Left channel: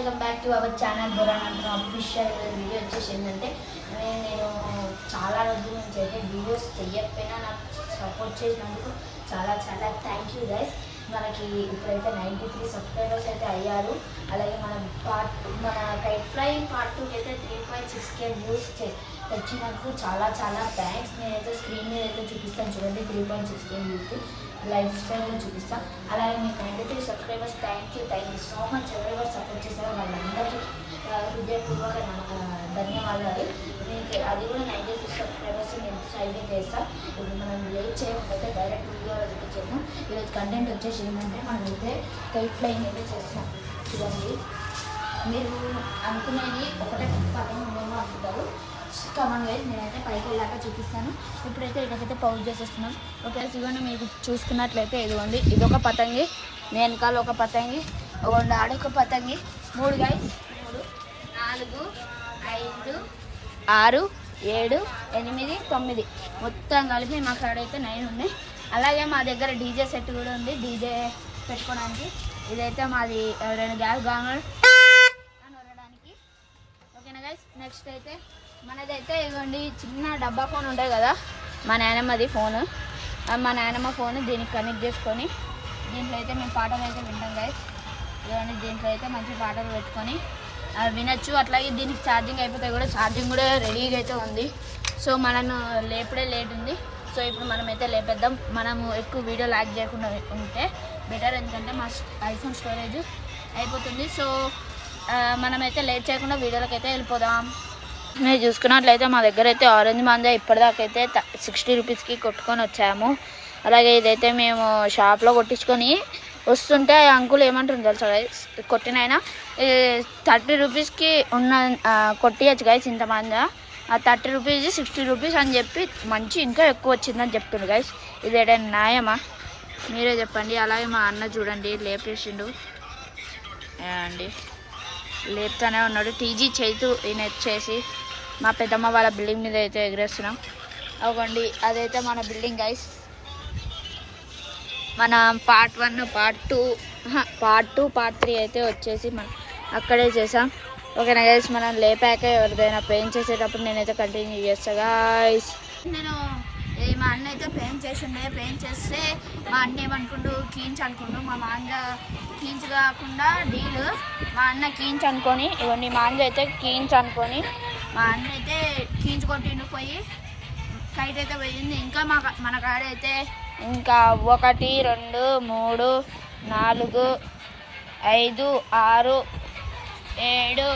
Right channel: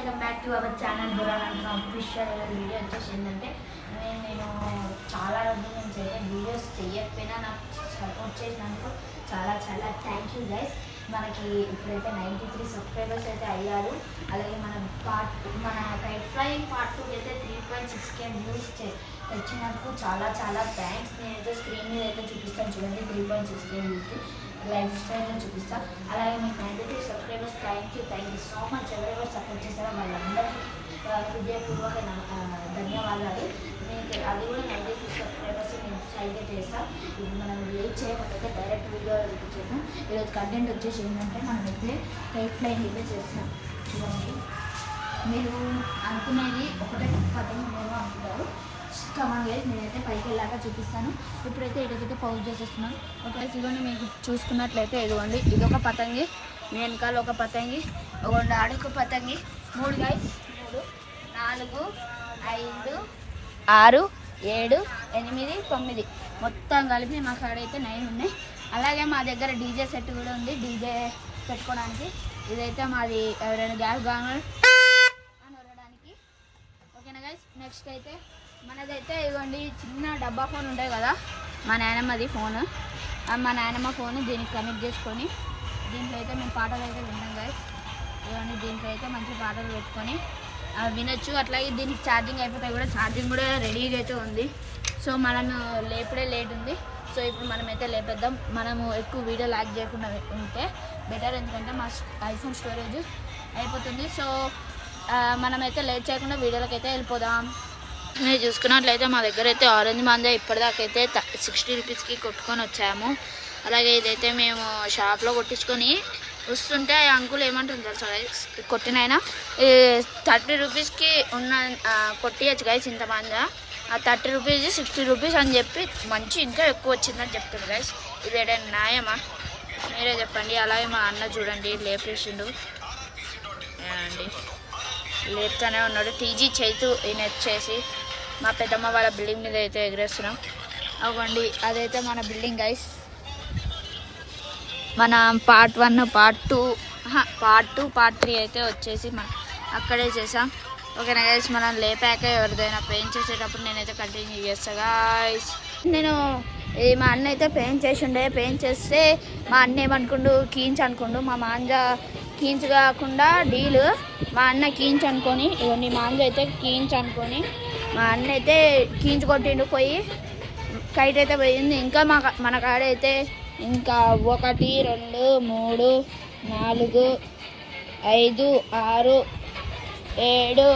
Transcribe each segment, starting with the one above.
Welcome back to our channel Burhan official. Video వచ్చేసి ఏంటంటే నేను చాలా రోజుల నుంచి అయితే వీడియోస్ చేయకపోయినా నాకు సపోర్ట్ చేసినందుకు చాలా చాలా థ్యాంక్ యూ గైస్. మనకి ఇప్పుడైతే 93 సబ్స్క్రైబర్స్ అయితే అయ్యారు. అలాగే మన కైట్ ఫ్లై పార్ట్ 2 అయితే 3.6K వ్యూస్ తెచ్చినందుకు చాలా చాలా థ్యాంక్స్. నేనైతే స్క్రీన్ మీద అయితే చూపిస్తాను చూడండి, 3.6K వ్యూస్ లైఫ్ స్టైల్లో చూపిస్తాను. అలాగే మీకు 93 subscribers thank you so much. ఎవరెవరు సపోర్ట్ చేశారో వాళ్ళందరికీ హృదయపూర్వక ధన్యవాదాలు. మీకు అది కూడా 93 సబ్స్క్రైబర్స్ నేను ట్రైగా చేస్తాను. ఇప్పుడు మనం వెయిట్ చేయకపోతే డైరెక్ట్ వీడియో చూపించేస్తాం. ఈరోజు కంటెంట్ వచ్చేసి ఏంటంటే మనమైతే కైట్ ఫ్లైయింగ్ అయితే చేస్తాం. చూడండి, మీరు అనుకునేది ఒకటే పట్టణం మేము అనుకుంటారు. కమాన్ గైస్, నేనైతే పైకి వెళ్ళాక చూపిస్తాను. ఇప్పుడైతే ఇటకైతే పౌజ్ చేసేస్తున్నాం. ఓకే, చూడండి, మీకు చూసుకున్నట్లయితే ఇదిగోండి, ఇదొక పతంగి, వెనకాల ఒక పతంగి, ఇదిగోండి ఆడొక పతంగి. 3 గైస్, 3 4 5 6 7 8 9 మొత్తం కలిపి మా కాడైతే 9 ఉన్నాయి. అలాగే మా దగ్గర డీజే సెట్ కూడా ఉంది, డీజే పెట్టుకోవడానికి. ఇదైతే మాది ఎవరైనా గ్యాస్ గాంగల్ అని వరడానికి. ఓకేనా గైస్, నెక్స్ట్ అయితే మనదైతే ఇదిగోండి చిన్న డబ్బా ఫోన్ ఉంటాయి కదా, మా నాయనమ్మది ఫోను. మా నాయనమ్మ ఫోన్ దీనికి కనెక్ట్ చేసుకొని దీంట్లో అయితే మేము పాటలు అయితే వింటాం గైస్. ఇవన్నీ దీంట్లో అయితే మంచి పాటలు పెట్టుకొని వినొచ్చు. అట్లాగే దీనికి ఛార్జింగ్ అయిపోతే కూడా ఛార్జింగ్ కూడా రెడీగా అయితే ఉంది. సో మనం లేపుడే లేట్ ఉంది. సో ఇప్పుడు మనమైతే లేపేద్దాం. మనము ఎక్కువ వీడియో లాగ్ చేయకుండా ఉంటే బెటర్, ఎందుకంటే మా ఐఫోన్ స్టోరేజ్ అయిపోతుంది. సో మనమైతే లేట్ చేయకుండా వీడియోలకి అయితే వెళ్ళిపోదాం. మీరు చూసుకున్నట్లయితే మా దగ్గర అయితే ఆరెంజ్ మాంజా ఇప్పటిదాకైతే 60 రూపీస్కి కొట్టుకొని వచ్చాము. అలాగే ఇదైతే మేము షాప్లో కొట్టించుకొని వస్తుంటే అంకుల్ ఏమంటుంది తెలుసా గైస్, కొట్టినైనా 30 రూపీస్కి ఉన్న కొట్టియచ్చు గైస్ ఇంత మాంజా. ఆ 30 రూపీస్ 60 రూపీస్ అని చెప్పి మంచి ఇంకా ఎక్కువ వచ్చిందని చెప్తుంది గైస్. ఇది ఏదైనా న్యాయమా? మీరే చెప్పండి. అలాగే మా అన్న చూడండి లేపేసిండు అండి, లేపుతానే ఉన్నాడు. టీజీ చేతు ఈయన వచ్చేసి మా పెద్దమ్మ వాళ్ళ బిల్డింగ్ మీద అయితే ఎగరేస్తున్నాం. అవ్వండి, అదైతే మన బిల్డింగ్ గైస్. మన పార్ట్ 1 పార్ట్ 2 పార్ట్ 3 అయితే వచ్చేసి మనం అక్కడే చేసాం. ఓకేనా గైస్, మనం లేపాక ఎవరిదైనా పెయింట్ చేసేటప్పుడు నేనైతే కంటిన్యూ చేస్తా గైస్. నేను మా అన్న అయితే పెయింట్ చేసిండే. పెయింట్ చేస్తే మా అన్న ఏమనుకుండు, కీంచ్ అనుకుండు. మా మాంజ కీంచ్ కాకుండా డీలు మా అన్న కీంచ్ అనుకొని, ఇవన్నీ మాంజ అయితే కీంచ్ అనుకొని మా అన్న అయితే కీంచ్ కొట్టిండు. పోయి కైట్ అయితే పోయింది. ఇంకా మన కాడ అయితే ఇంకా 1 2 3 4 5 6 7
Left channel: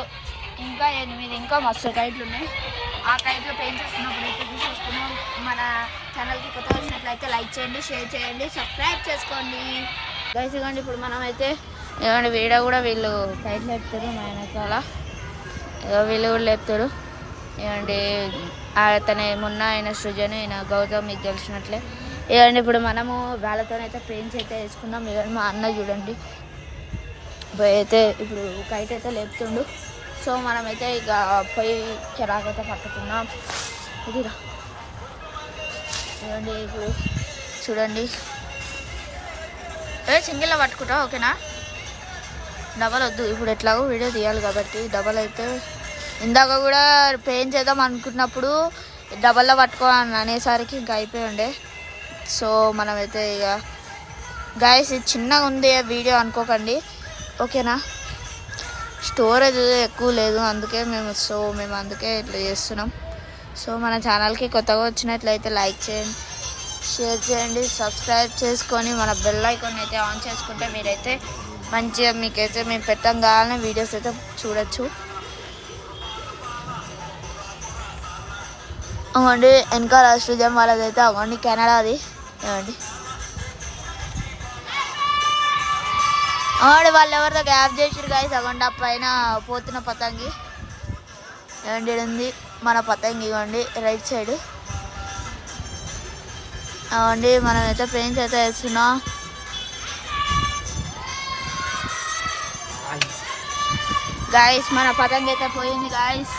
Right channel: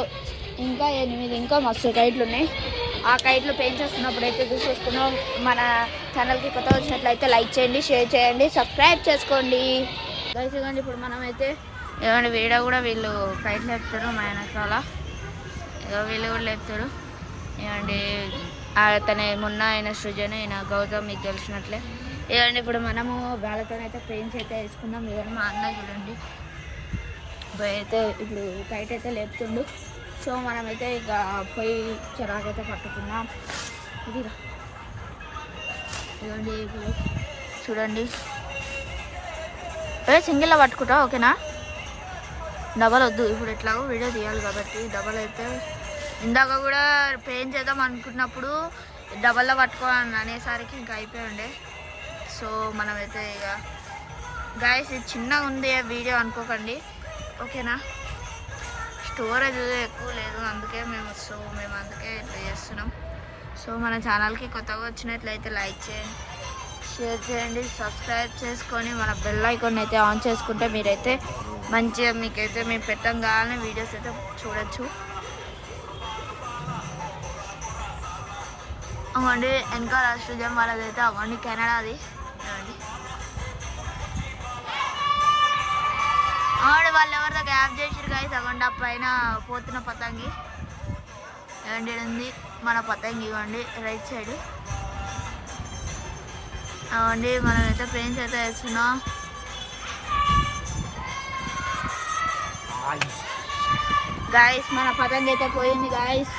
ఇంకా 8 ఇంకా మస్తు కైట్లు ఉన్నాయి. ఆ కైట్లు పెయింట్ చేసుకున్నప్పుడు అయితే చూసేసుకున్నాం. మన ఛానల్కి కొత్త వచ్చినట్లయితే లైక్ చేయండి, షేర్ చేయండి, సబ్స్క్రైబ్ చేసుకోండి గైస్. ఇవ్వండి, ఇప్పుడు మనం అయితే ఇవ్వండి వీడియో కూడా వీళ్ళు కైట్లు లేపుతారు. మా వెనకాల వీళ్ళు కూడా లేపుతారు. ఇవ్వండి అతనే మొన్న ఆయన సృజన్, ఆయన గౌతమ్, మీకు తెలిసినట్లే. ఇవ్వండి, ఇప్పుడు మనము వాళ్ళతోనైతే పెయింట్స్ అయితే వేసుకుందాం. ఇవ్వండి మా అన్న చూడండి అయితే ఇప్పుడు కైట్ అయితే లేపుతుండు. సో మనమైతే ఇక పొయ్యి చిరాకైతే పట్టుకున్నాం. ఇదిరా ఇవ్వండి, ఇప్పుడు చూడండి సింగిల్లో పట్టుకుంటా. ఓకేనా, డబల్ వద్దు. ఇప్పుడు ఎట్లాగో వీడియో తీయాలి కాబట్టి డబల్ అయితే. ఇందాక కూడా పెయింట్ చేద్దాం అనుకున్నప్పుడు డబల్లో పట్టుకోవాలని అనేసరికి ఇంకా అయిపోయి ఉండే. సో మనమైతే ఇక గైస్ ఇది చిన్నగా ఉంది వీడియో అనుకోకండి. ఓకేనా, స్టోరేజ్ ఎక్కువ లేదు అందుకే మేము అందుకే ఇట్లా చేస్తున్నాం. సో మన ఛానల్కి కొత్తగా వచ్చినట్లయితే లైక్ చేయండి, షేర్ చేయండి, సబ్స్క్రైబ్ చేసుకొని మన బెల్ ఐకాన్ అయితే ఆన్ చేసుకుంటే మీరైతే మంచిగా మీకైతే మేము పెట్టంగానే వీడియోస్ అయితే చూడొచ్చు. అవ్వండి వెనక రాష్ట్రం వాళ్ళదైతే అవ్వండి కెనడాది. ఏమండి అవ్వండి వాళ్ళు ఎవరితో గ్యాప్ చేసారు గాయస్. అవ్వండి ఆ పైన పోతున్న పతంగి ఏమండి ఉంది మన పతంగి. ఇవ్వండి రైట్ సైడ్. అవ్వండి మనమైతే పెయింట్స్ అయితే వేస్తున్నాం గాయస్. మన పతంగి అయితే పోయింది గాయస్.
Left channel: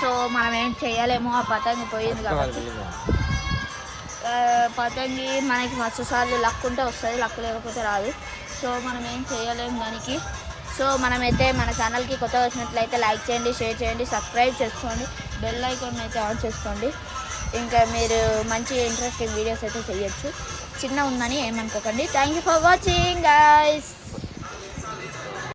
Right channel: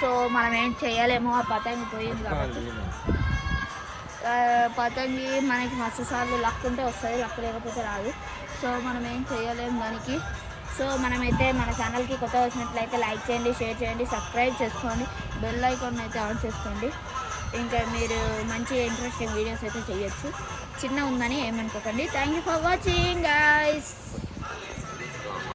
సో మనం ఏం చేయలేమో, ఆ పతంగి పోయింది కాబట్టి. పతంగి మనకి మస్తు సార్లు లక్ ఉంటే వస్తుంది, లక్ లేకపోతే రాదు. సో మనం ఏం చేయలేము దానికి. సో మనమైతే మన ఛానల్కి కొత్తగా వచ్చినట్లయితే లైక్ చేయండి, షేర్ చేయండి, సబ్స్క్రైబ్ చేసుకోండి, బెల్ ఐకాన్ అయితే ఆన్ చేసుకోండి. ఇంకా మీరు మంచి ఇంట్రెస్టింగ్ వీడియోస్ అయితే చేయొచ్చు. చిన్న ఉందని ఏమనుకోకండి. Thank you for watching guys.